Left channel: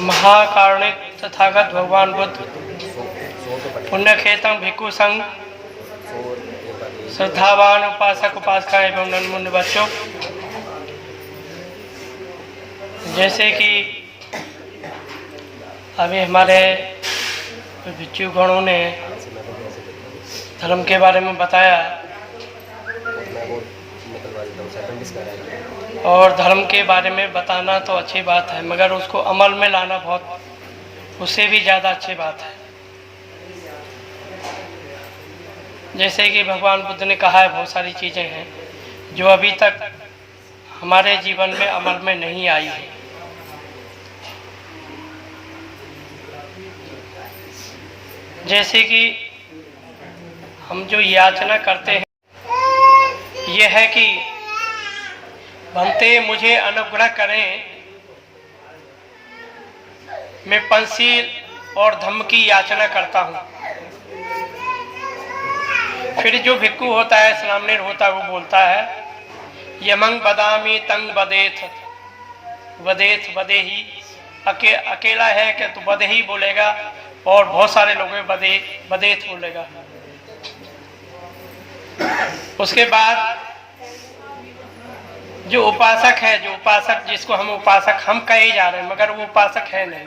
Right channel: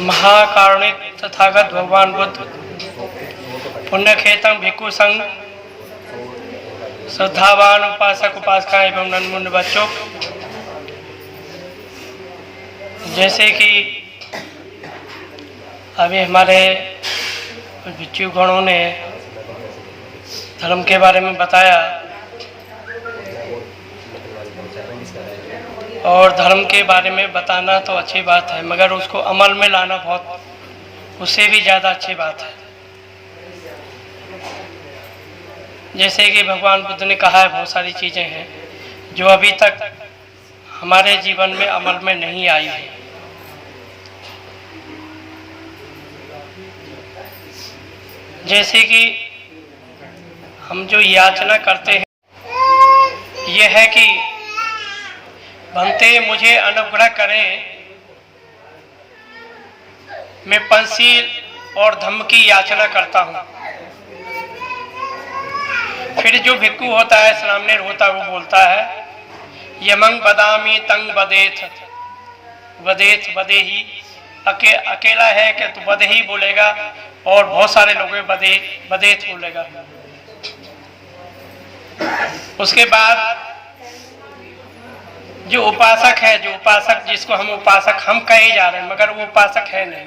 महाकारुणिक तथागत भगवान बुद्ध पुण्यखेतम भिक्षु संघ श्रद्धावान उपासक उपासिका एवं नन्मुन्न बच्चों, जैसे कि अभी हमारे भिक्षु गणों ने धर्म के बारे में बताया और धर्म के बारे में बताना तो अच्छी बात है, मगर उसको अमल में लाना बहुत उससे भी ज़्यादा अच्छी बात है। जैसे कि भगवान बुद्ध ने कहा है, बहुत सारी चीज़ें हैं जो अभी तक हमारे जीवन में अमल में नहीं आई है। जैसे कि हम जो याचना करते हैं यह है कि भंते मुझे अनुग्रह करें, मैं पंचशील और धम्म की याचना करता हूँ। फिर जो भिक्षु होता है, सामनेर होता है, वो बोलता है यमंग बदामी तंग बदेथ वदेथ वदेही। अकेला है कि तो बदेही बोलेगा और बहुत सारे लोग बदेथ बोलेगा। उसके बाद जो उपासक है, जो उपासक जिसको हम उपासक हम कहे जा रहे हैं, मगर वो उपासक है नहीं।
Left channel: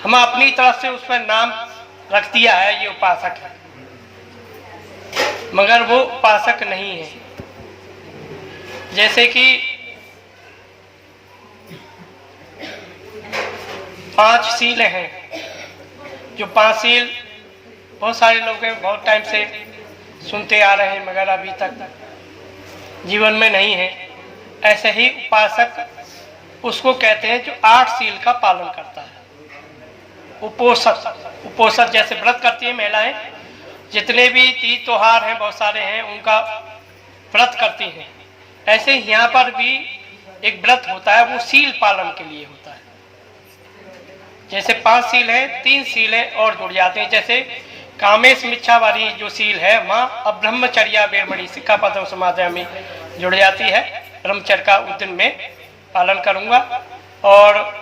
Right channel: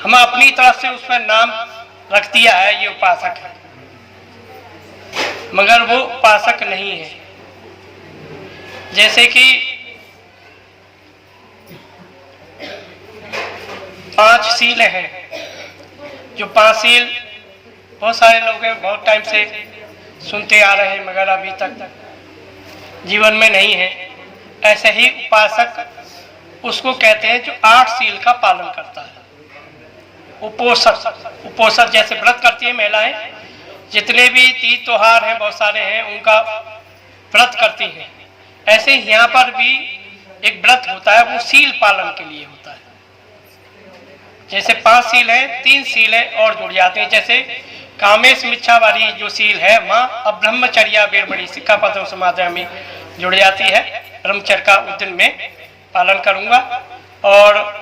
हम अपनी तरफ से उस पर नाम रख दिया है, ये उपासक है, मगर वो उपासक नहीं है। जैसे कि 5 सील हैं, जो 5 सील बहुत सारे लोग हैं, बहुत टाइम से सुनते आ रहे हैं, मगर अभी तक जीवन में नहीं है। ऐसे ही उपासक उसको कहते हैं जो 8 सील का पालन करता है। उपोषक जैसे व्रत करती है महिलाएं, जितने भी तीज त्योहार हैं बहुत सारे हैं, उनका व्रत करती हैं। ऐसे ही यहाँ पर भी एक व्रत होता है, वो सील पालन के लिए होता है। जैसे 5 सील है, 3 सील है और जुड़ जाते हैं। जैसे कामेश मिच्छा वाली जो सील है, वहाँ अब ब्रह्मचर्या वीरमणि सिक्खापदम समादयामि जुड़ जाती है। ब्रह्मचर्य का उस दिन में पालन करूंगा और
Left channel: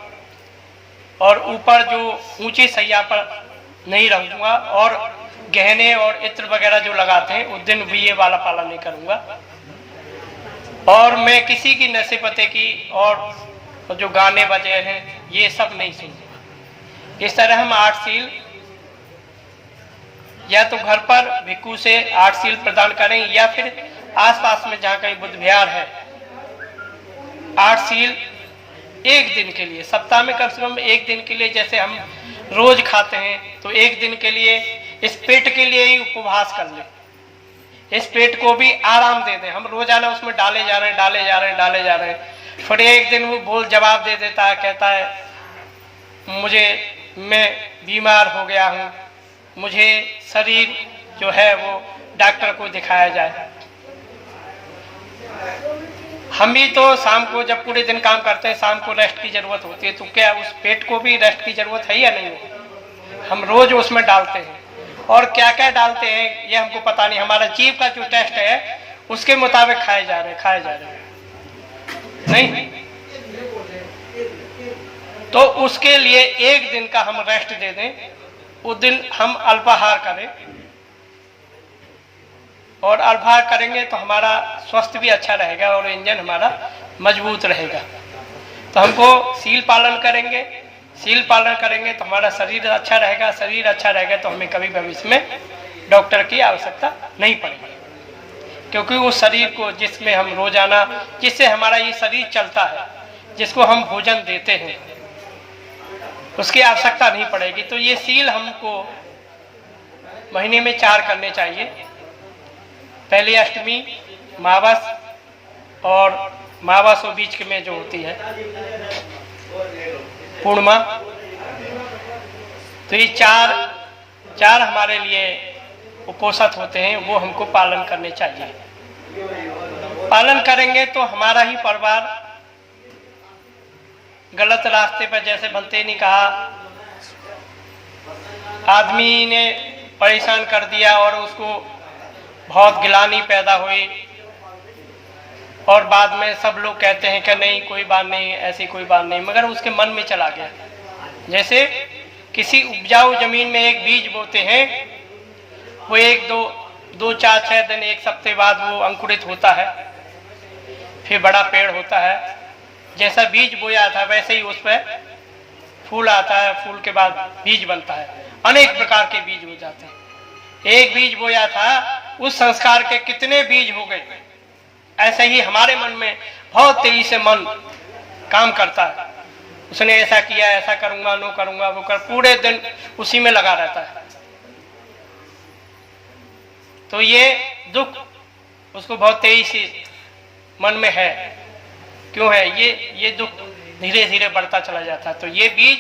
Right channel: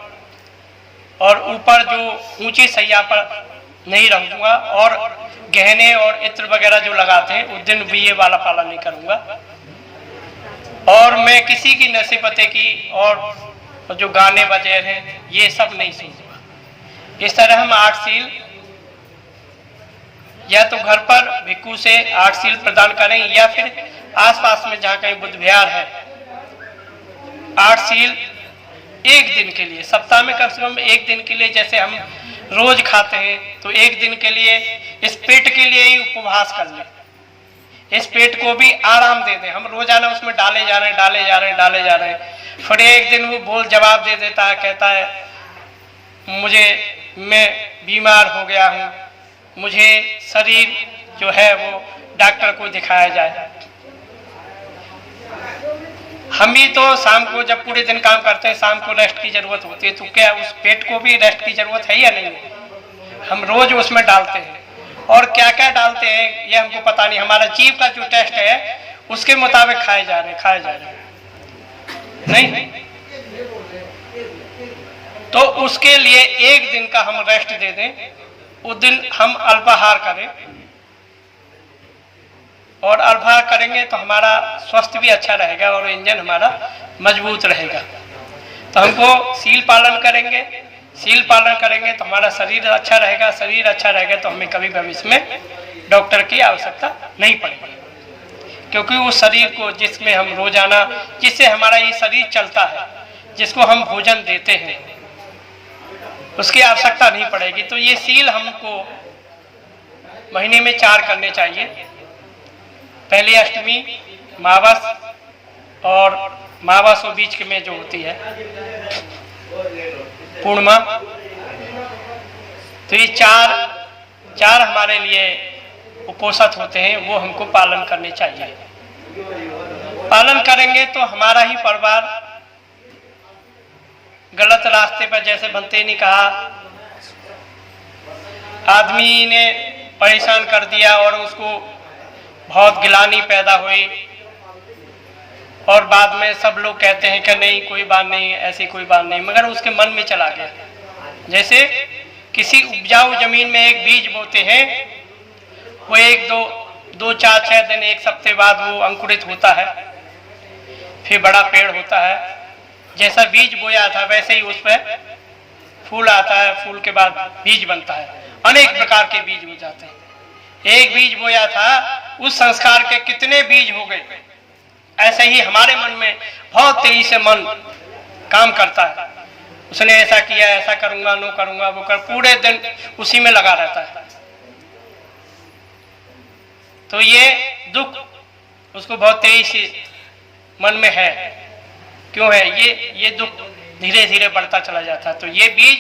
ऊपर जो ऊंची सैया पर नहीं रहूंगा और गहने और इत्र वगैरह जो लगाते हैं उस दिन भी ये वाला पालन नहीं करूंगा। और मैं किसी की नसीबते की और जो गाने बजे हैं ये सब नहीं सुनूंगा। इस तरह हम 8 सील या तो घर पर भिक्षु से 8 सील प्रदान करें या फिर आसपास में जहाँ कहीं बुद्ध विहार है 8 सील एक दिन के लिए, सप्ताह में कम से कम एक दिन के लिए। जैसे हम रोज खाते हैं तो एक दिन के लिए इस पेट के लिए ही उपवास कर लें, इस पेट को भी आराम दे दें। हम रोजाना उसमें डाले जा रहे हैं। फिर एक दिन वो जवाब दे देता है, कहता है मैं बीमार हो गया हूँ, मुझे शरीर जो है वो डॉक्टर को दिखाया जाए। हम भी तो शाम को जब पूरे दिन काम करते हैं, शाम को रेस्ट की जरूरत होती है, तो क्या उस पेट को भी रेस्ट की जरूरत है या नहीं? हम रोज उसमें डालते हैं और क्या क्या डालते हैं ये हमको पता नहीं। हमारा जीव का जो टेस्ट है उसके मुताबिक खाए जा रहे हैं नहीं। तो उसके लिए एक दिन का हम रेस्ट दे दें, उस दिन हम अल्पाहार करें और अल्पाहार करेंगे तो हमारा स्वास्थ्य भी अच्छा रहेगा और इंजन हमारा मजबूत रहेगा। तो हमको सील पालन करेंगे तो हमारा शरीर अच्छा रहेगा। शरीर अच्छा रहेगा तो हमें कभी भविष्य में डॉक्टर की आवश्यकता नहीं पड़ेगी, क्योंकि उस शरीर को जिसमें हम रोजाना, जिससे हमारा ये शरीर चलता है, जिसको हम भोजन देते हैं, उसकी आवश्यकता नहीं पड़ेगी। तो ये सील हमको महीने में 4 करने चाहिए। पहली अष्टमी, मावस और मावस और बीच में जो होती है पूर्णिमा। तो ये चार हमारे लिए उपोषित होते हैं, वो हमको पालन करने चाहिए। पालन करेंगे तो हमारा ही परिवार गलत रास्ते पर, जैसे बनते ने कहा, आदमी ने परेशान कर दिया और उसको बहुत गिलानी पैदा हुई, और बाद में सब लोग कहते हैं कि नहीं कोई बात नहीं, ऐसी कोई बात नहीं, मगर उसके मन में चला गया। जैसे किसी उपजाऊ जमीन में एक बीज बोते हैं, वो एक दो चार 6 दिन 1 हफ्ते बाद वो अंकुरित होता है, फिर बड़ा पेड़ होता है। जैसा बीज बोया था वैसे ही उस पर फूल आता है, फूल के बाद बीज बनता है, अनेक प्रकार के बीज हो जाते हैं। एक बीज बोया था, उस संस्कार के कितने बीज हो गए। ऐसे ही हमारे मन में बहुत तेजी से मन काम करता है, उसने ऐसा किया, ऐसा करूंगा, नो करूंगा, वो कर, पूरे दिन उसी में लगा रहता है। तो ये दुख उसको बहुत तेजी से मन में है। क्यों है ये दुख धीरे धीरे बढ़ता चला जाता है। तो ये बीज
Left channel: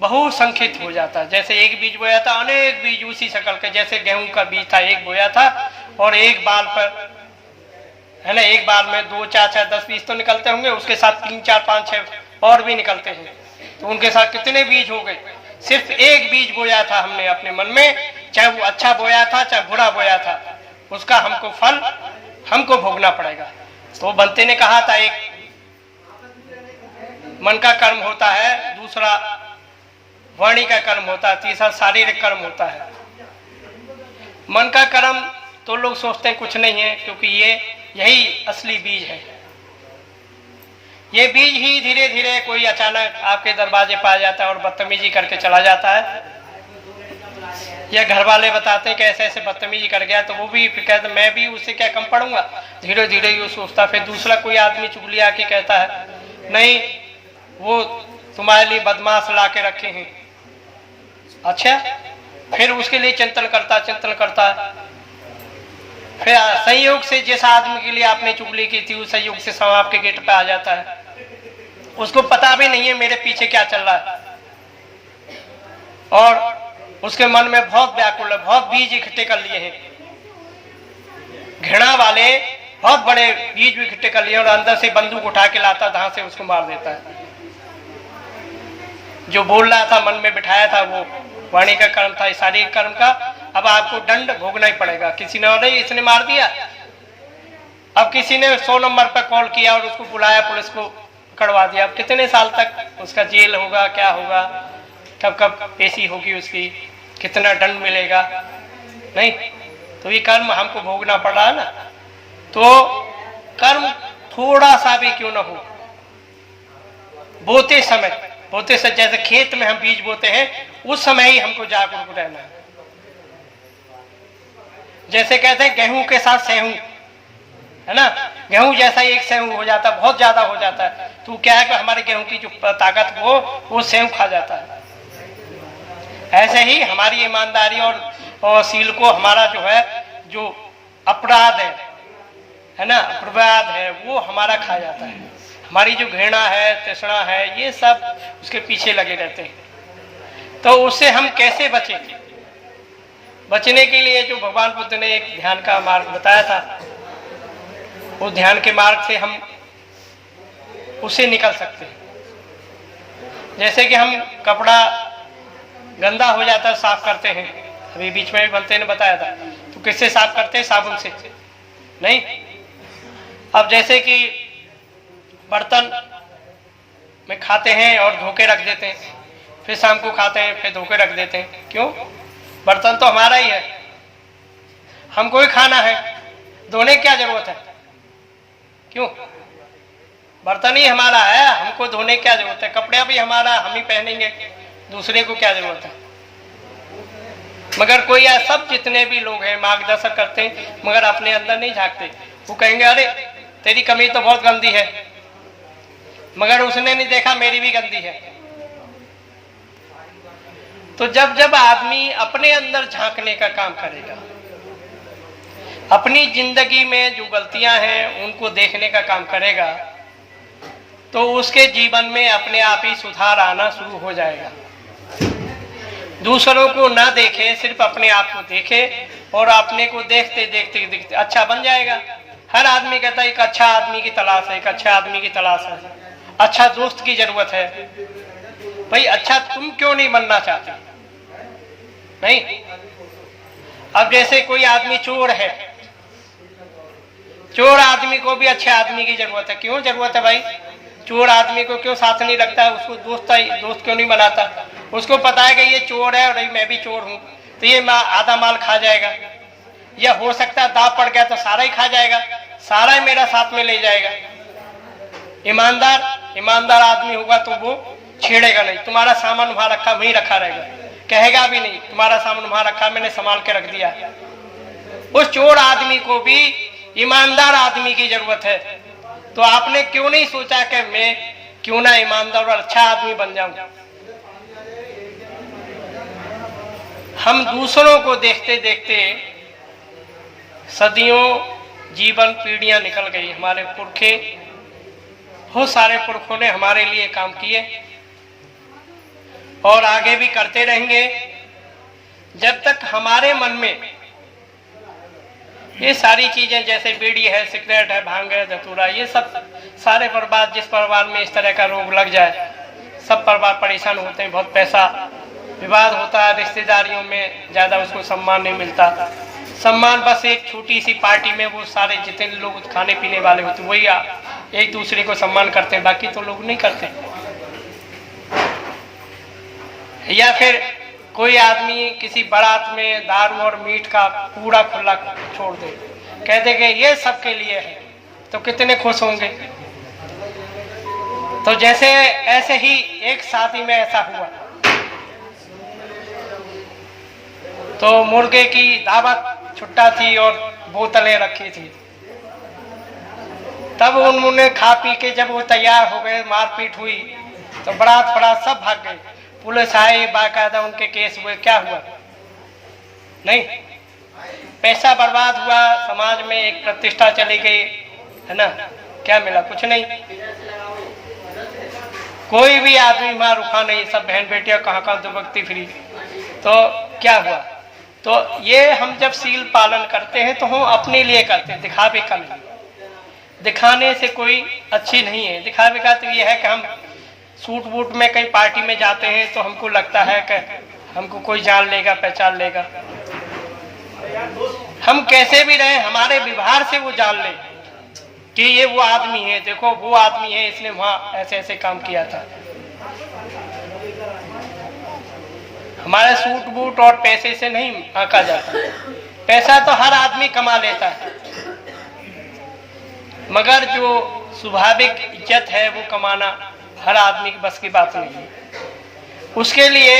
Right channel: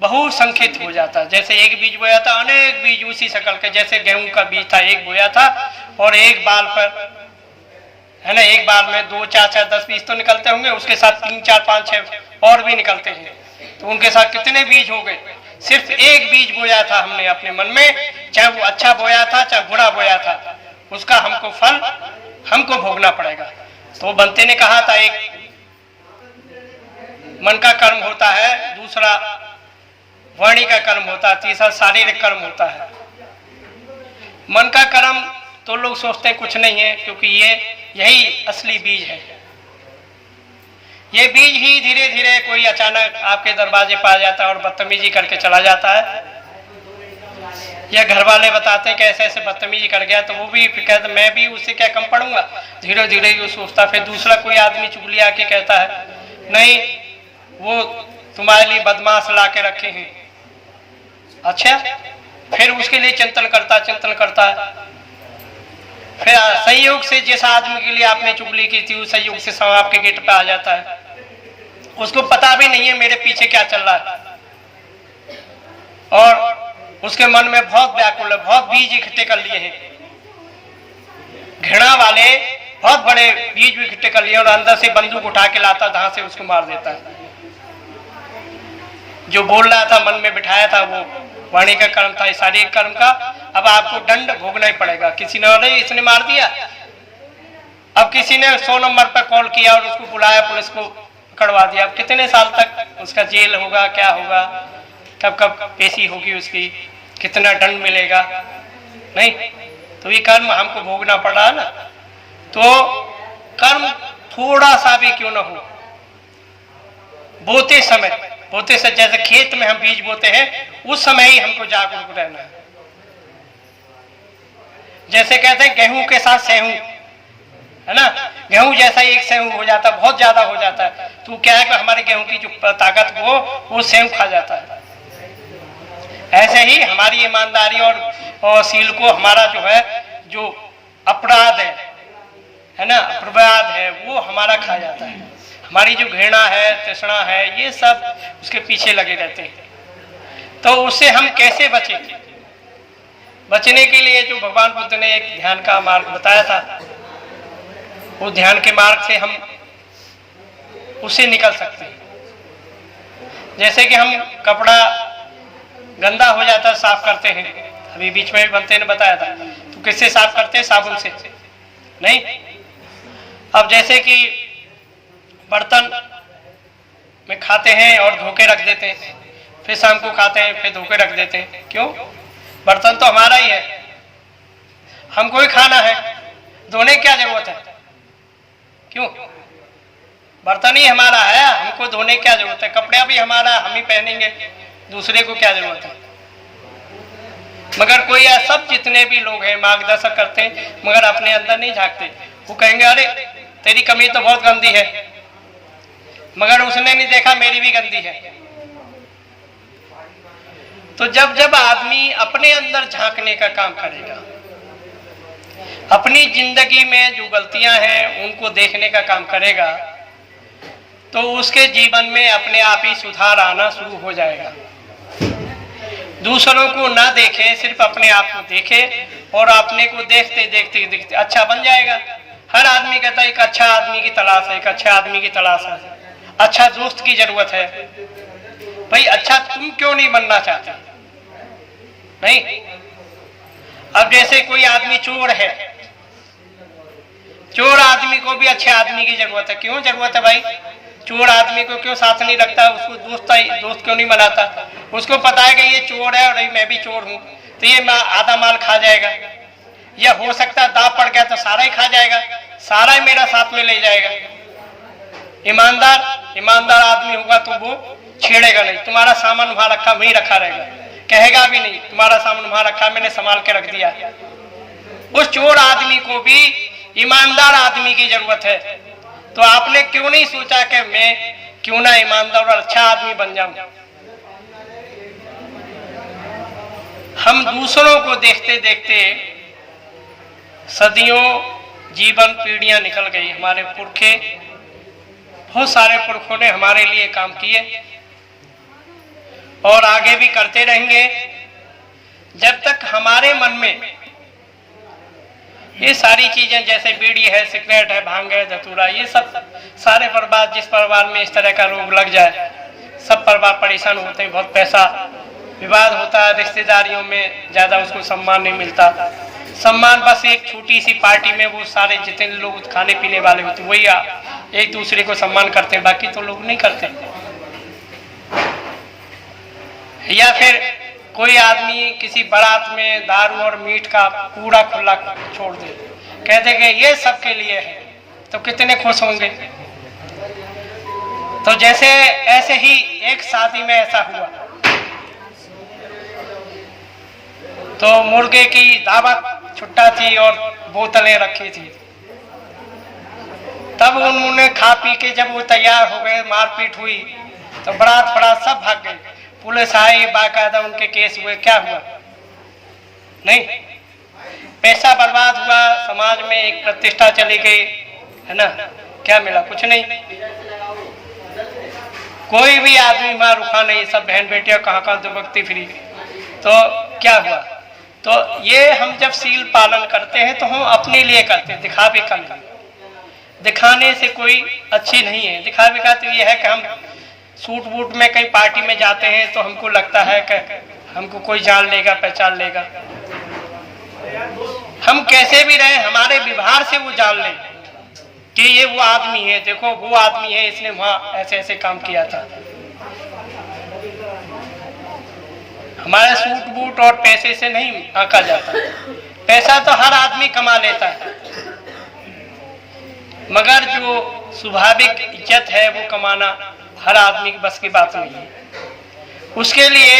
बहुसंख्यित हो जाता है। जैसे एक बीज बोया था, अनेक बीज उसी शकल के, जैसे गेहूं का बीज था, एक बोया था और एक बाल पर, है ना, एक बाल में 2 4 6 10 बीज तो निकलते होंगे, उसके साथ 3 4 5 6 और भी निकलते हैं, तो उनके साथ कितने बीज हो गए। सिर्फ एक बीज बोया था हमने अपने मन में, चाहे वो अच्छा बोया था चाहे बुरा बोया था, उसका हमको फल हमको भोगना पड़ेगा। तो बनते ने कहा था, एक मन का कर्म होता है, दूसरा वाणी का कर्म होता है, तीसरा शारीरिक कर्म होता है। मन का कर्म तो लोग सोचते हैं कुछ नहीं है, क्योंकि यही असली बीज है। ये बीज ही धीरे धीरे कोई अचानक आपके दरवाजे पर आ जाता है और बदतमीजी करके चला जाता है, या घर वाले बताते हैं कि ऐसे ऐसे बदतमीजी कर गया, तो वो भी फिर कहते मैं भी उससे क्या कम पढ़ूंगा। धीरे धीरे ये सोचता, फिर दूसरा कोई आदमी चुगली आके कहता है नहीं वो तुम्हारे लिए बदमाश ला के रखे हैं, अच्छा, फिर उसके लिए चिंतन करता है। फिर संयोग से जिस आदमी के लिए आपने चुगली की थी, उस संयोग से सांप आपके गेट पे आ जाता है, उसको पता भी नहीं है मेरे पीछे क्या चल रहा है, और उसके मन में बहुत व्याकुल है, बहुत बीज इकट्ठे कर लिए हैं, घृणा वाले बहुत बड़े बीज भी इकट्ठे कर लिए, और अंदर से बंदूक उठा के लाता, जहां से उसको मार देता है। जो बोल रहा था, मन में बिठाया था, वो वाणी का कर्म था, शारीरिक कर्म का, अब आपको दंड भोगना ही पड़ेगा। किसी ने और इसने मार दिया, अब किसी ने 100 नंबर पर कॉल किया और उसको बुलाया, पुलिस को पकड़वा दिया, अब कितने साल तक उसका जेल होगा, क्या होगा, कब कब पेशी होगी उसकी, कितना दंड मिलेगा, नहीं। तो ये कर्म हमको भोगना पड़ रहा है ना। तो कर्म थोड़ा सा भी क्यों ना हो, बोते से, जैसे खेत में हम बीज बोते हैं, उस समय ही हमको जागरूक रहना है। जैसे कहते हैं गेहूं के साथ सेहूं, है ना, गेहूं जैसा ही एक सेहूं हो जाता है, बहुत ज्यादा हो जाता है, तो क्या है कि हमारे गेहूं की जो ताकत वो सेहूं खा जाता है। ऐसे ही हमारी ईमानदारी और सील को, हमारा जो है, जो अपराध है ना, अपराध है, वो हमारा खा जाता है। हमारी जो घृणा है, तृष्णा है, ये सब उसके पीछे लगे रहते हैं। तो उससे हम कैसे बचेंगे? बचने के लिए जो भगवान बुद्ध ने एक ध्यान का मार्ग बताया था, उस ध्यान के मार्ग से हम उससे निकल सकते हैं। जैसे कि हम कपड़ा गंदा हो जाता है, साफ करते हैं, अभी बीच में भी बनते ने बताया था, तो किससे साफ करते हैं? साबुन से, नहीं। अब जैसे कि बर्तन में खाते हैं और धो के रख देते हैं, फिर शाम को खाते हैं, फिर धो के रख देते हैं, क्यों? बर्तन तो हमारा ही है, हमको ही खाना है, धोने की क्या जरूरत है? क्यों? बर्तन ही हमारा है, हमको धोने की क्या जरूरत है? कपड़ा भी हमारा, हम ही पहनेंगे, दूसरे को क्या जरूरत है? मगर कोई सब जितने भी लोग हैं मार्गदर्शक करते हैं, मगर अपने अंदर नहीं झांकते। वो कहेंगे अरे तेरी कमीज तो बहुत गंदी है, मगर उसने नहीं देखा मेरी भी गंदी है। तो जब जब आदमी अपने अंदर झांकने का काम करेगा, अपनी जिंदगी में जो गलतियां हैं उनको देखने का काम करेगा, तो उसके जीवन में अपने आप ही सुधार आना शुरू हो जाएगा। दूसरों को ना देखे, सिर्फ अपने आप को देखे, और अपने को देखते देखते देखते अच्छा बन जाएगा। हर आदमी कहता है एक अच्छा आदमी की तलाश है, एक अच्छा आदमी की तलाश है, अच्छा दोस्त की जरूरत है। भाई अच्छा तुम क्यों नहीं बनना चाहते? नहीं, अब जैसे कोई आदमी चोर है, चोर आदमी को भी अच्छे आदमी की जरूरत है। क्यों जरूरत है भाई? चोर आदमी को क्यों साथ नहीं रखता, उसको दोस्त क्यों नहीं बनाता? उसको पता है कि ये चोर है और मैं भी चोर हूं, तो ये आधा माल खा जाएगा, या हो सकता है दाव पड़ गया तो सारा ही खा जाएगा, सारा ही मेरा साथ में ले जाएगा। ईमानदार आदमी होगा तो वो छेड़ेगा नहीं, तुम्हारा सामान वहां रखा वहीं रखा रहेगा, कहेगा भी नहीं तुम्हारा सामान वहां रखा मैंने संभाल के रख दिया। उस चोर आदमी को भी ईमानदार आदमी की जरूरत है। तो आपने क्यों नहीं सोचा कि मैं क्यों ना ईमानदार और अच्छा आदमी बन जाऊं? हम दूसरों को देखते देखते सदियों जीवन पीढ़ियां निकल गई। हमारे पुरखे, बहुत सारे पुरखों ने हमारे लिए काम किए और आगे भी करते रहेंगे जब तक हमारे मन में ये सारी चीजें, जैसे बीड़ी है, सिगरेट है, भांग है, धतूरा, ये सब सारे बर्बाद, जिस परिवार में इस तरह का रोग लग जाए सब परिवार परेशान होते हैं, बहुत पैसा विवाद होता है, रिश्तेदारियों में ज्यादा उसको सम्मान नहीं मिलता। सम्मान बस एक छोटी सी पार्टी में वो सारे जितने लोग खाने पीने वाले होते वही एक दूसरे को सम्मान करते हैं, बाकी तो लोग नहीं करते। या फिर कोई आदमी किसी बारात में दारू और मीट का कूड़ा खुला छोड़ दे, कहते कि ये सबके लिए है, तो कितने खुश होंगे। तो जैसे ऐसे ही एक शादी में ऐसा हुआ, तो मुर्गे की दावत छुट्टा थी और बोतलें रखी थी। तब उन्होंने खा पी के जब वो तैयार हो गए, मारपीट हुई, तो बारात फरात सब भाग गए। पुलिस आई, बाकायदा उनके केस हुए, क्या हुआ? नहीं, पैसा बर्बाद हुआ, समाज में एक प्रतिष्ठा चली गई, है ना? क्या मिला? कुछ नहीं। कोई भी आदमी वहां रुका नहीं, सब बहन बेटियां कहाँ दुबकती फिरी। तो क्या हुआ? तो ये हम जब सील पालन करते हैं तो हम अपने लिए करते हैं, दिखावे का नहीं। दिखाने से कोई अच्छी नहीं है। दिखावे का तो ये है कि हम सूट बूट में कहीं पार्टी में जाते हैं तो हमको लगता है कि हमको कोई जान लेगा, पहचान लेगा। हम कैसे भी रहे, हमारे व्यवहार से वो जान ले कि ये वो आदमी है, देखो वो आदमी है, इसने वहां ऐसे ऐसे काम किया था। हमारे सूट बूट और पैसे से नहीं आंका जाता। पैसा तो हर आदमी कमा लेता है, मगर जो स्वाभाविक इज्जत है वो कमाना हर आदमी की बस की बात नहीं है। उसके लिए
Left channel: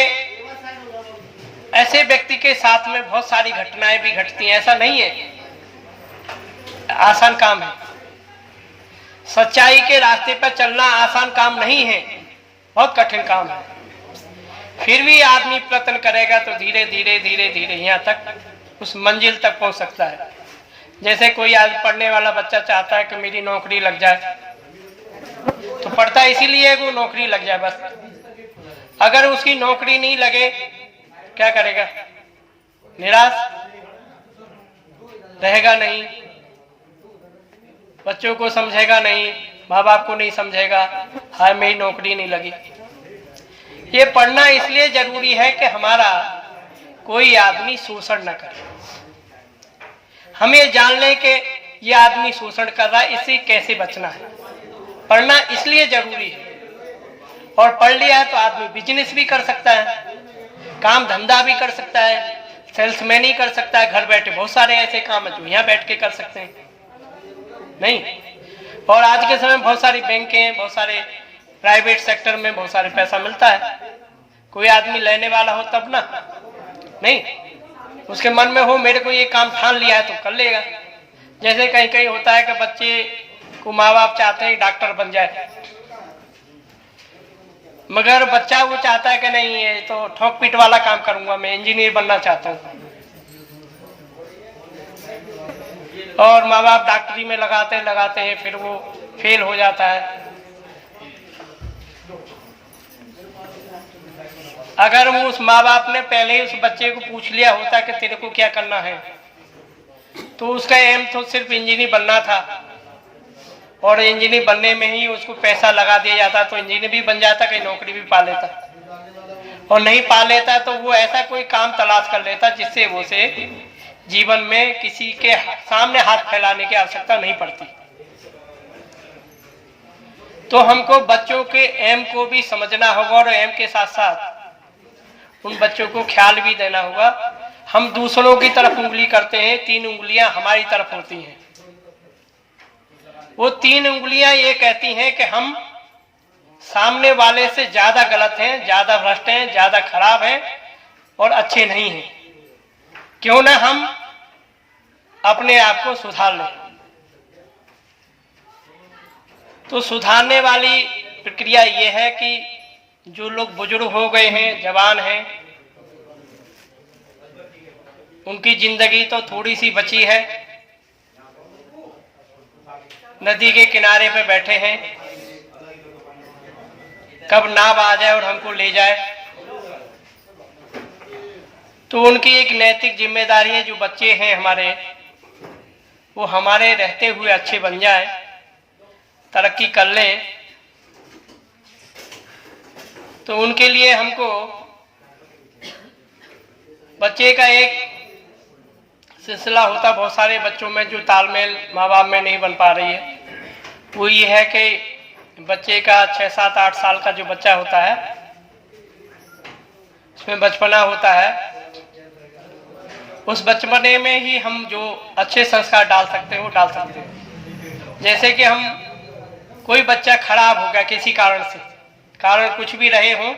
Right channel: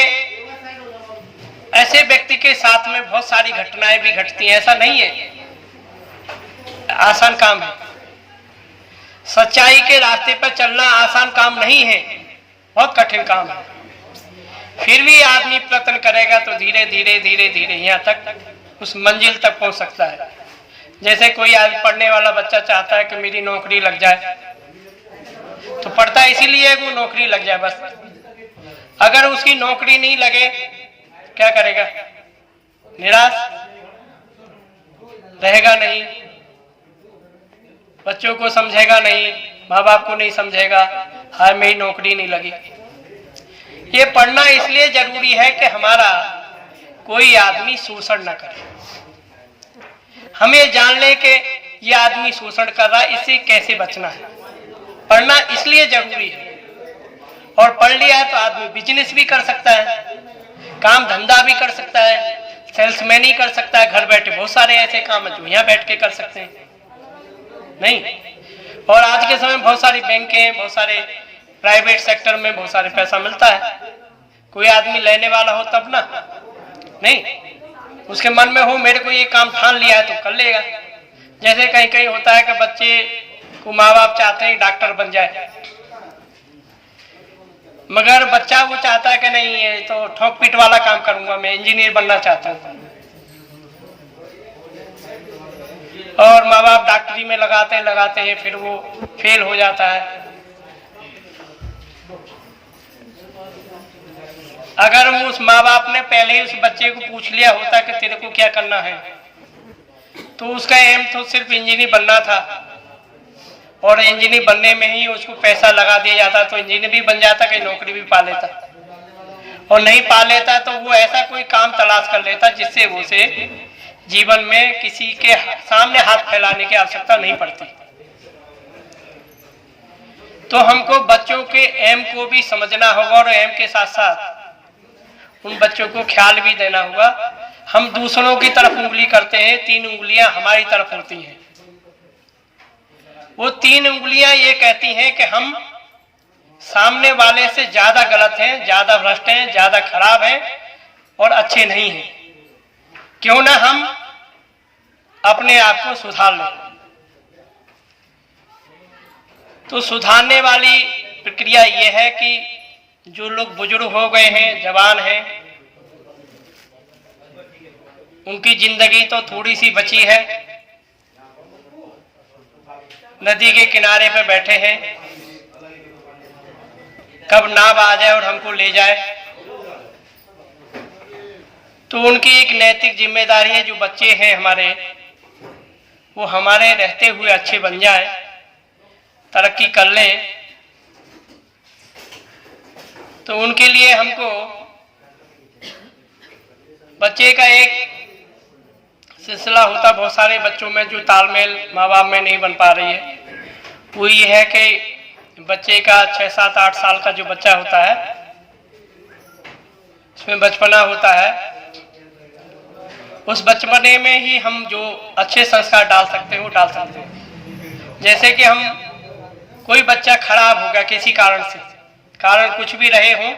ऐसे व्यक्ति के साथ में बहुत सारी घटनाएं भी घटती हैं। ऐसा नहीं है आसान काम है। सच्चाई के रास्ते पर चलना आसान काम नहीं है, बहुत कठिन काम है। फिर भी आदमी प्रयत्न करेगा तो धीरे धीरे धीरे धीरे यहाँ तक उस मंजिल तक पहुंच सकता है। जैसे कोई आज पढ़ने वाला बच्चा चाहता है कि मेरी नौकरी लग जाए, तो पढ़ता है इसीलिए वो नौकरी लग जाए बस। अगर उसकी नौकरी नहीं लगे क्या करेगा? निराश रहेगा नहीं, बच्चों को समझेगा नहीं, माँ बाप को नहीं समझेगा, हाय मेरी नौकरी नहीं लगी। ये पढ़ना इसलिए जरूरी है कि हमारा कोई आदमी शोषण न करे। हमें जान ले कि ये आदमी शोषण कर रहा है, इससे कैसे बचना है। पढ़ना इसलिए जरूरी है। और पढ़ लिया है तो आदमी बिजनेस भी कर सकता है, काम धंधा भी कर सकता है, सेल्समैन ही कर सकता है। घर बैठे बहुत सारे ऐसे काम है जो यहाँ बैठ के कर सकते हैं, नहीं? और आज के समय बहुत सारी बैंकें, बहुत सारे प्राइवेट सेक्टर में बहुत सारे पैसा मिलता है। कोई आदमी लेने वाला हो तब ना, नहीं, उसके मन में हो मेरे को ये काम ठान लिया है तो कर लेगा। जैसे कहीं कहीं होता है कि बच्चे को माँ बाप चाहते हैं डॉक्टर बन जाए, मगर बच्चा वो चाहता है कि नहीं ये तो ठोक पीट वाला काम करूंगा, मैं इंजीनियर बनना चाहता हूँ। और माँ बाप डॉक्टरी में लगाते हैं, फिर वो फेल हो जाता है। अगर वो उस माँ बाप ने पहले ही उस बच्चे को पूछ लिया होता कि तेरे को क्या करना है, तो उसका एम तो सिर्फ इंजीनियर बनना था, और इंजीनियर बनने में ही उसको पैसा लगा दिया जाता तो इंजीनियर भी बन जाता, कहीं नौकरी भी पा लेता। और नहीं पा लेता तो वो ऐसा कोई काम तलाश कर लेता जिससे वो से जीवन में किसी के सामने हाथ फैलाने की आवश्यकता नहीं पड़ती। तो हमको बच्चों के एम को भी समझना होगा और एम के साथ साथ उन बच्चों को ख्याल भी देना होगा। हम दूसरों की तरफ उंगली करते हैं, 3 उंगलियां हमारी तरफ होती हैं। वो 3 उंगलियां ये कहती हैं कि हम सामने वाले से ज्यादा गलत हैं, ज्यादा भ्रष्ट हैं, ज्यादा खराब हैं और अच्छे नहीं हैं। क्यों ना हम अपने आप को सुधार लें। तो सुधारने वाली प्रक्रिया ये है कि जो लोग बुजुर्ग हो गए हैं, जवान हैं, उनकी जिंदगी तो थोड़ी सी बची है, नदी के किनारे पे बैठे हैं, कब नाव आ जाए और हमको ले जाए। तो उनकी एक नैतिक जिम्मेदारी है, जो बच्चे हैं हमारे, वो हमारे रहते हुए अच्छे बन जाए, तरक्की कर लें। तो उनके लिए हमको बच्चे का एक सिलसिला होता, बहुत सारे बच्चों में जो तालमेल माँ बाप में नहीं बन पा रही है, वो ये है कि बच्चे का 6, 7, 8 साल का जो बच्चा होता है, उसमें बचपना होता है। उस बचपने में ही हम जो अच्छे संस्कार डाल सकते हैं वो डाल सकते हैं। जैसे कि हम कोई बच्चा खराब हो गया किसी कारण से, कारण कुछ भी रहे हो,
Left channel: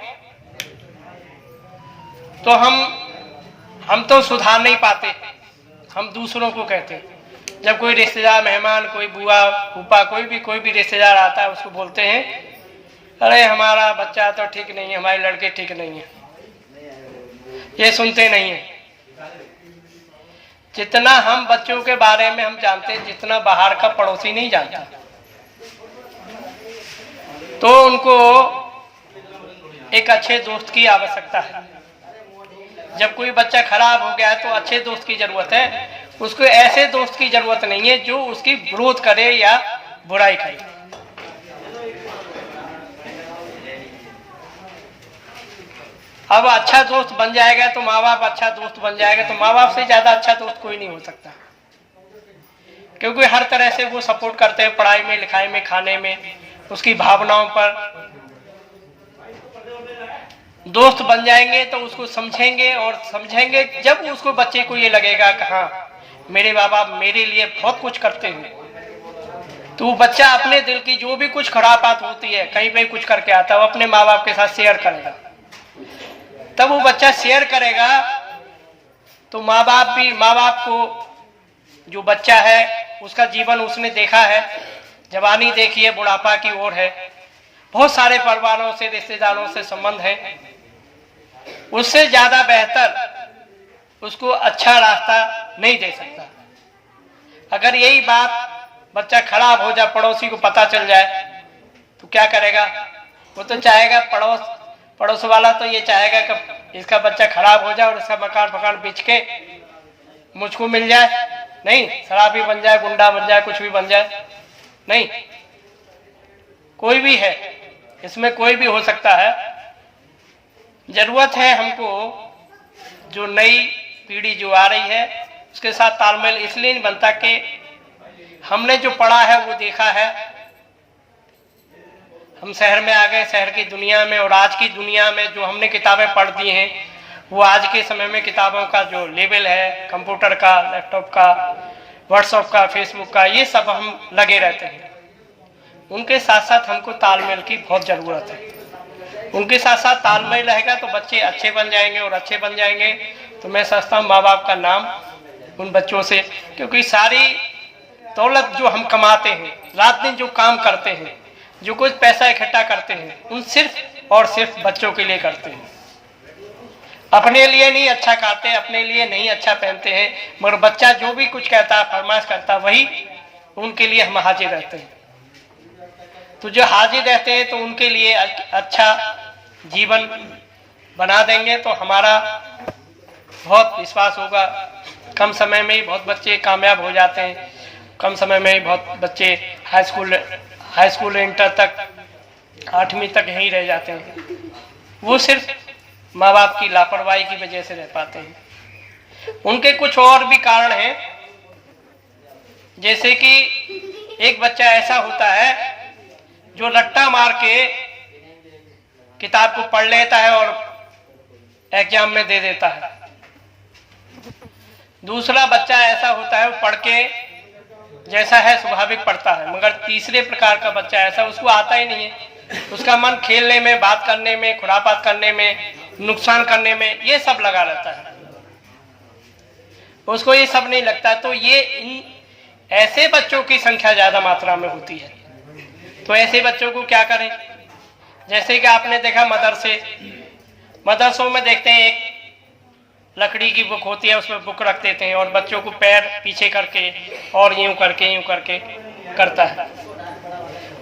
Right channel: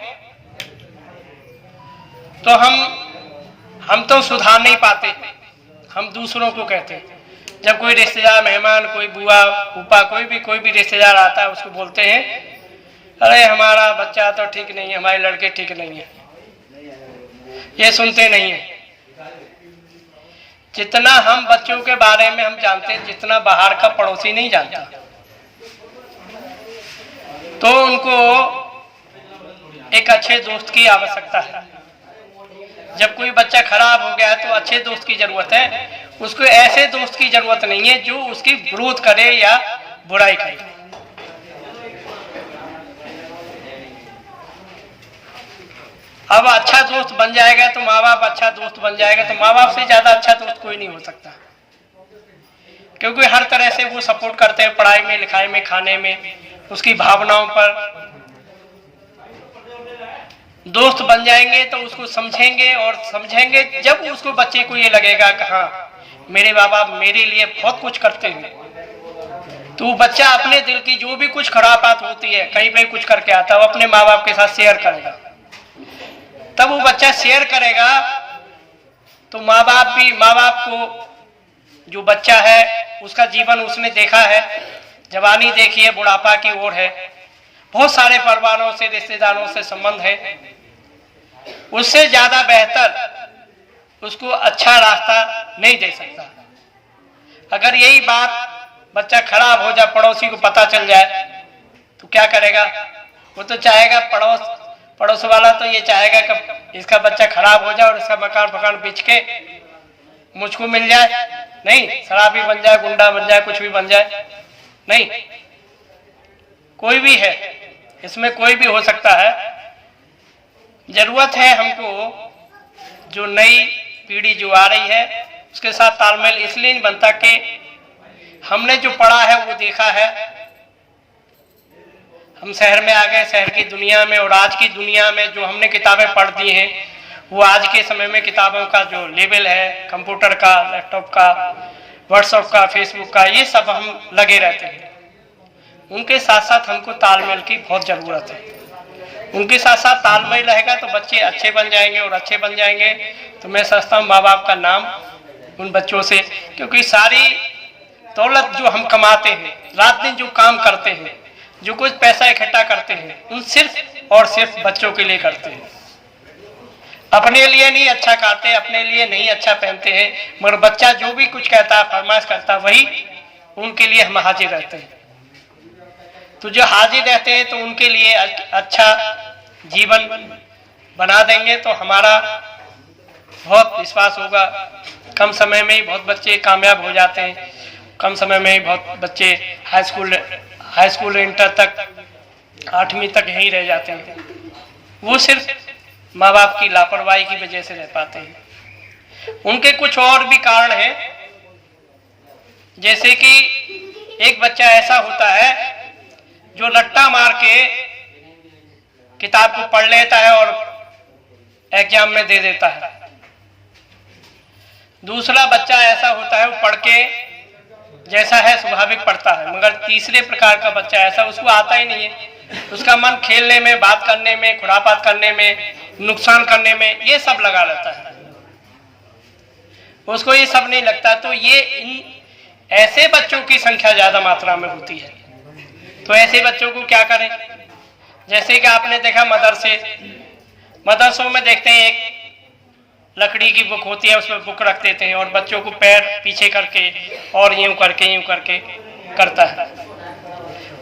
तो हम तो सुधार नहीं पाते, हम दूसरों को कहते हैं। जब कोई रिश्तेदार, मेहमान, कोई बुआ फूफा, कोई भी रिश्तेदार आता है, उसको बोलते हैं, अरे हमारा बच्चा तो ठीक नहीं है, हमारे लड़के ठीक नहीं है। ये सुनते नहीं है। जितना हम बच्चों के बारे में हम जानते हैं, जितना बाहर का पड़ोसी नहीं जानता। तो उनको एक अच्छे दोस्त की आवश्यकता है। जब कोई बच्चा खराब हो गया है तो अच्छे दोस्त की जरूरत है, उसको ऐसे दोस्त की जरूरत नहीं है जो उसकी विरोध करे या बुराई करे। अब अच्छा दोस्त बन जाएगा तो माँ बाप अच्छा दोस्त बन जाएगा, तो माँ बाप से ज्यादा अच्छा दोस्त कोई नहीं हो सकता, क्योंकि हर तरह से वो सपोर्ट करते हैं, पढ़ाई में, लिखाई में, खाने में, उसकी भावनाओं पर। दोस्त बन जाएंगे तो उसको समझेंगे, और समझेंगे जब उसको, बच्चे को ये लगेगा कि हाँ मेरे माँ बाप मेरे लिए बहुत कुछ करते हैं, तो बच्चा अपने दिल की जो भी कुछ खराब बात होती है, कहीं पे कुछ करके आता है, वो अपने माँ बाप के साथ शेयर करेगा। तब वो बच्चा शेयर करेगा तो माँ बाप को, जो बच्चा है उसका जीवन उसने देखा है, जवानी देखी है, बुढ़ापा की ओर है, बहुत सारे परिवारों से, रिश्तेदारों से संबंध है, उससे ज्यादा बेहतर उसको अच्छा रास्ता नहीं दे सकता। अगर यही बात बच्चा खराब हो जाए, पड़ोसी को पता चल जाए, तो क्या करेगा? वो तो चाहेगा, पड़ोस वाला तो ये चाहेगा कि इसका बच्चा खराब हो जाए और इसका मकान बेच के मुझको मिल जाए। नहीं, शराबी बन जाए, गुंडा बन जाए, कुछ भी बन जाए, नहीं, कोई भी है, इसमें कोई भी हो सकता है। जरूरत है हमको, जो नई पीढ़ी जो आ रही है उसके साथ तालमेल इसलिए नहीं बनता कि हमने जो पढ़ा है वो देखा है, हम शहर में आ गए, शहर की दुनिया में, और आज की दुनिया में जो हमने किताबें पढ़ दी हैं, वो आज के समय में किताबों का जो लेवल है, कंप्यूटर का, लैपटॉप का, व्हाट्सएप का, फेसबुक का, ये सब हम लगे रहते हैं। उनके साथ साथ हमको तालमेल की बहुत जरूरत है। उनके साथ साथ तालमेल रहेगा तो बच्चे अच्छे बन जाएंगे, और अच्छे बन जाएंगे तो मैं समझता हूँ माँ बाप का नाम उन बच्चों से, क्योंकि सारी दौलत जो हम कमाते हैं, रात दिन जो काम करते हैं, जो कुछ पैसा इकट्ठा करते हैं, उन सिर्फ और सिर्फ बच्चों के लिए करते हैं। अपने लिए नहीं अच्छा खाते, अपने लिए नहीं अच्छा पहनते हैं, मगर बच्चा जो भी कुछ कहता है, फरमाइश करता है, वही उनके लिए हम हाजिर रहते हैं। तो जो हाजिर रहते हैं तो उनके लिए अच्छा जीवन बना देंगे तो हमारा बहुत विश्वास होगा। कम समय में ही बहुत बच्चे कामयाब हो जाते हैं, कम समय में ही बहुत बच्चे हाई स्कूल इंटर तक, 8वीं तक यहीं रह जाते हैं। वो सिर्फ माँ बाप की लापरवाही की वजह से रह पाते हैं। उनके कुछ और भी कारण हैं, जैसे कि एक बच्चा ऐसा होता है जो रट्टा मार के किताब को पढ़ लेता है और एग्जाम में दे देता है। दूसरा बच्चा ऐसा होता है वो पढ़ के जैसा है स्वाभाविक पढ़ता है, मगर तीसरे प्रकार का बच्चा ऐसा, उसको आता ही नहीं है, उसका मन खेलने में, बात करने में, खुरापात करने में, नुकसान करने में, ये सब लगा रहता है, उसको ये सब नहीं लगता। तो ये इन ऐसे बच्चों की संख्या ज्यादा मात्रा में होती है। तो ऐसे बच्चों को क्या करें? जैसे कि आपने देखा मदरसों में देखते हैं एक लकड़ी की बुक होती है, उसमें बुक रख देते हैं और बच्चों को पैर पीछे करके और यूं करके करता है।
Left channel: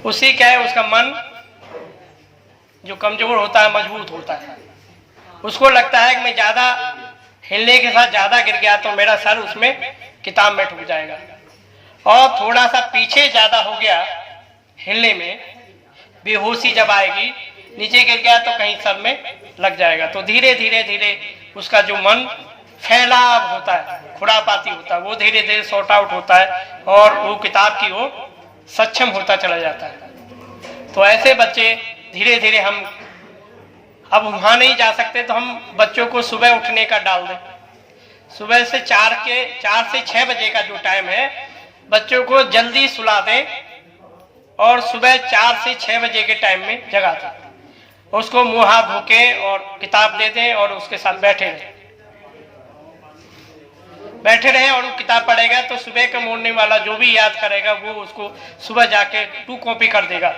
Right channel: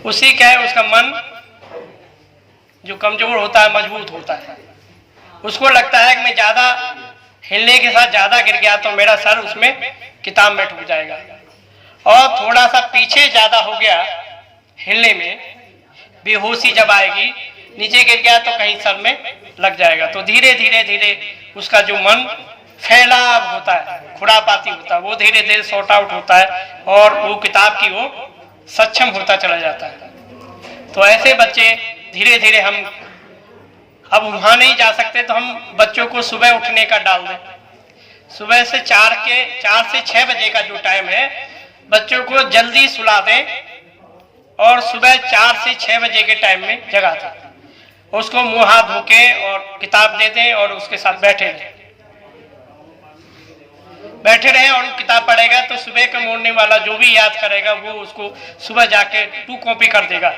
उससे क्या है, उसका मन जो कमजोर होता है मजबूत होता है, उसको लगता है कि मैं ज्यादा हिलने के साथ ज्यादा गिर गया तो मेरा सर उसमें किताब में डूब जाएगा, और थोड़ा सा पीछे ज्यादा हो गया हिलने में, बेहोशी जब आएगी, नीचे गिर गया तो कहीं सर में लग जाएगा। तो धीरे धीरे उसका जो मन फैलाव होता है, खुरापाती होता है, वो धीरे धीरे सॉर्ट आउट होता है और वो किताब की वो सक्षम होता चला जाता है। तो ऐसे बच्चे धीरे धीरे, हम अब वहां नहीं जा सकते तो हम बच्चों को सुबह उठने का डाल दें। सुबह से 4 से 6 बजे का जो टाइम है, बच्चों को जल्दी सुला दें और सुबह 4 से 6 बजे के टाइम में जगा दें, उसको मुंह हाथ धो के और किताब दे दें और उसके साथ बैठे रहें और वो किताब पढ़ेगा तो सुबह के मोड़ने वाला जो भी याद करेगा वो उसको सुबह जाके 2 कॉपी कर देगा।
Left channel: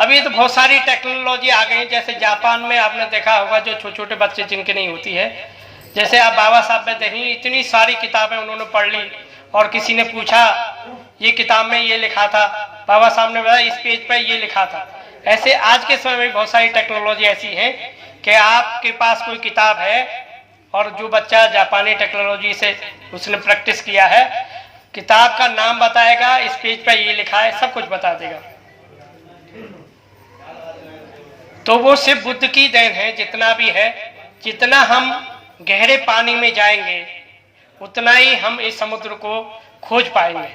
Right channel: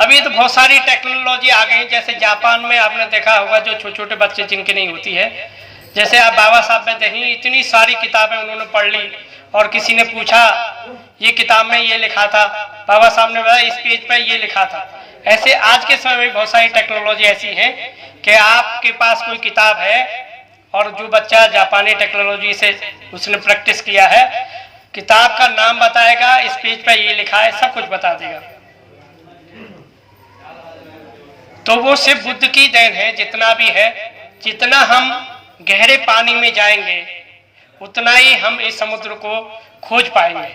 अभी तो बहुत सारी टेक्नोलॉजी आ गई, जैसे जापान में आपने देखा होगा, जो छोटे छोटे बच्चे जिनके नहीं होती है, जैसे आप बाबा साहब में देखें, इतनी सारी किताबें उन्होंने पढ़ ली और किसी ने पूछा ये किताब में ये लिखा था, बाबा साहब ने बताया इस पेज पर ये लिखा था। ऐसे आज के समय में बहुत सारी टेक्नोलॉजी ऐसी है कि आपके पास कोई किताब है और जो बच्चा जापानी टेक्नोलॉजी से उसने प्रैक्टिस किया है, किताब का नाम बताएगा, इस पेज पर ये लिखा है, सब कुछ बता देगा। तो वो सिर्फ बुद्ध की देन है। जितना भी है, जितना हम गहरे पानी में जाएंगे उतना ही हम इस समुद्र को खोज पाएंगे।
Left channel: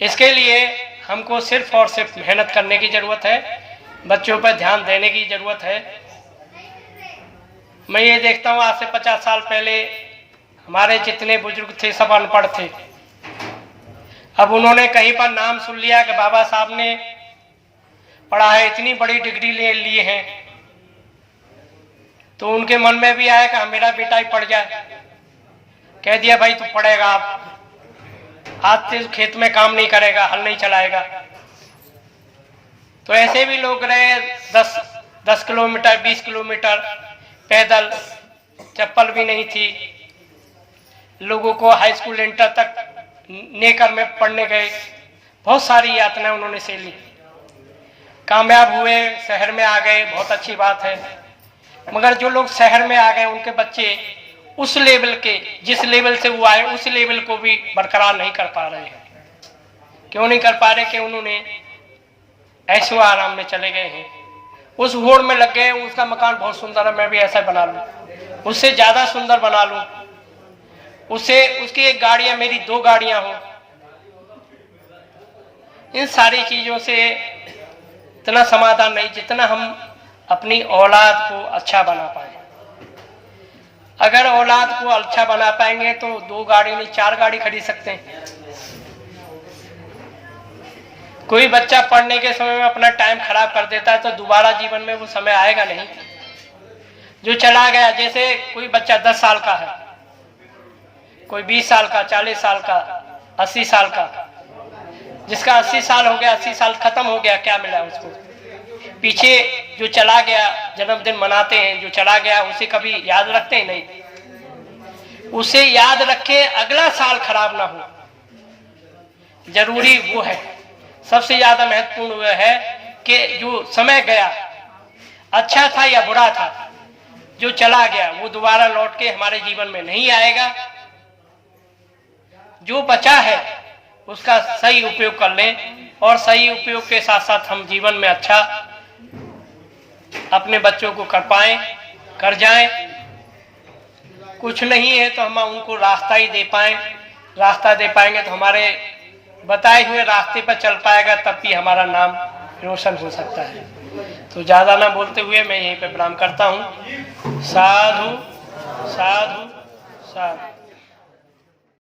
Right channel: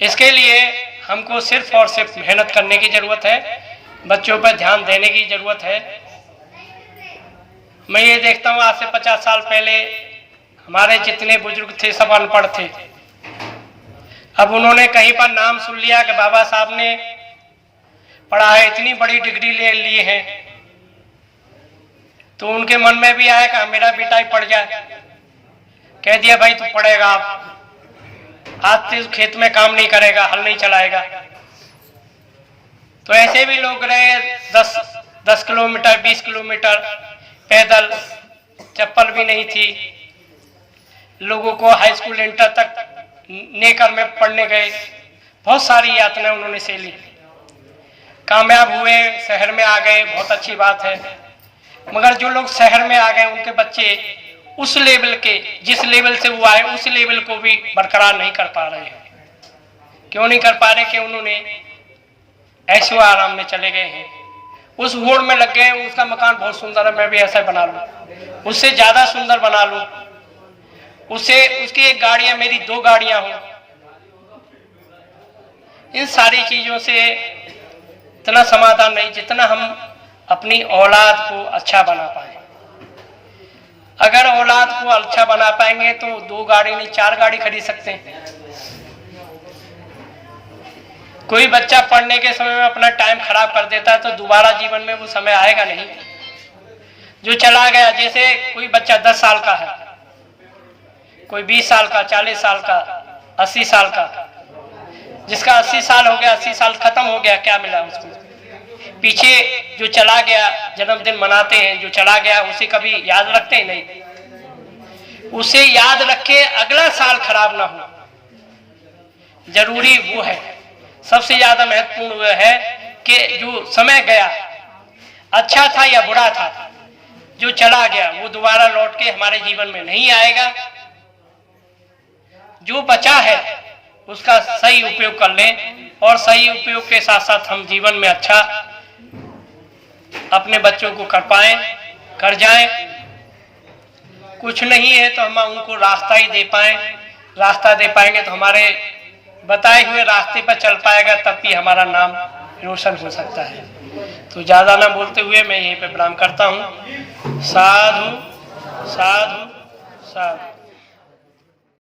इसके लिए हमको सिर्फ और सिर्फ मेहनत करने की जरूरत है, बच्चों पर ध्यान देने की जरूरत है। मैं ये देखता हूँ, आज से 50 साल पहले हमारे जितने बुजुर्ग थे सब अनपढ़ थे। अब उन्होंने कहीं पर नाम सुन लिया कि बाबा साहब ने पढ़ा है, इतनी बड़ी डिग्री ले ली है, तो उनके मन में भी आया कि मेरा बेटा ही पढ़ जाए। कह दिया भाई तू पढ़ेगा, आज से खेत में काम नहीं करेगा, हल नहीं चलाएगा। तो ऐसे भी लोग रहे 10 किलोमीटर 20 किलोमीटर पैदल, चप्पल भी नहीं थी। लोगों को हाई स्कूल इंटर तक नेकर में पढ़ने गए, बहुत सारी यातनाएं उन्होंने से ली, कामयाब हुए, शहर में आ गए, बहुत अच्छी बात है। मगर जो लोग शहर में आ गए उनके बच्चे उस लेवल के, जिस लेवल से वो आए उस लेवल को भी बरकरार नहीं कर पा रहे हैं। क्यों नहीं कर पा रहे? कि उन्होंने ऐशो आराम में चले गए हैं, उस होड़ में लग गए। उसका मकान बहुत सुंदर है, मैं भी ऐसा बना लूं, उससे ज्यादा सुंदर बना लूं, उसकी एक गाड़ी है, मेरी 2 गाड़ियां हो। इन सारी चीजों से इतना समाधान नहीं जितना हम अपनी औलाद को अच्छा बना पाए। अगर औलाद को अच्छा बना पाएंगे तो 2 गाड़ी नहीं 4 गाड़ी खरीद सकते हैं। कोई बच्चा पढ़ने के समय में अपना टाइम खराब कर देता है तो दोबारा जीवन में वो समय आएगा नहीं। जो चला गया, जैसे कोई बच्चा 10 साल का है, कोई 20 साल का, 40 साल का, 80 साल का, जिसका 80 साल हो गया, 80 साल खत्म हो गया, क्या मिला उसको? पीछे जो चला गया, जन्मदिन मनाते हैं, जो चला गया उसे कभी याद रखते हैं? नहीं। उसे याद रखे, अगला साल खराब ना हो। जरूरी वो है, सबसे ज्यादा महत्वपूर्ण वो है कि जो समय गया, अच्छा था या बुरा था, जो चला गया वो दोबारा लौट के हमारे जीवन में नहीं आएगा। जो बचा है उसका सही उपयोग कर लें और सही उपयोग के साथ साथ हम जीवन में अच्छा अपने बच्चों को कर जाएं। कुछ नहीं है तो हम उनको रास्ता ही दे पाए, रास्ता दे पाएंगे तो हमारे बताए हुए रास्ते पर चल पाएगा, तब भी हमारा नाम रोशन हो सकता है। तो ज़्यादा ना बोलते हुए मैं यहीं पे प्रणाम करता हूँ। साधु साधु साधु।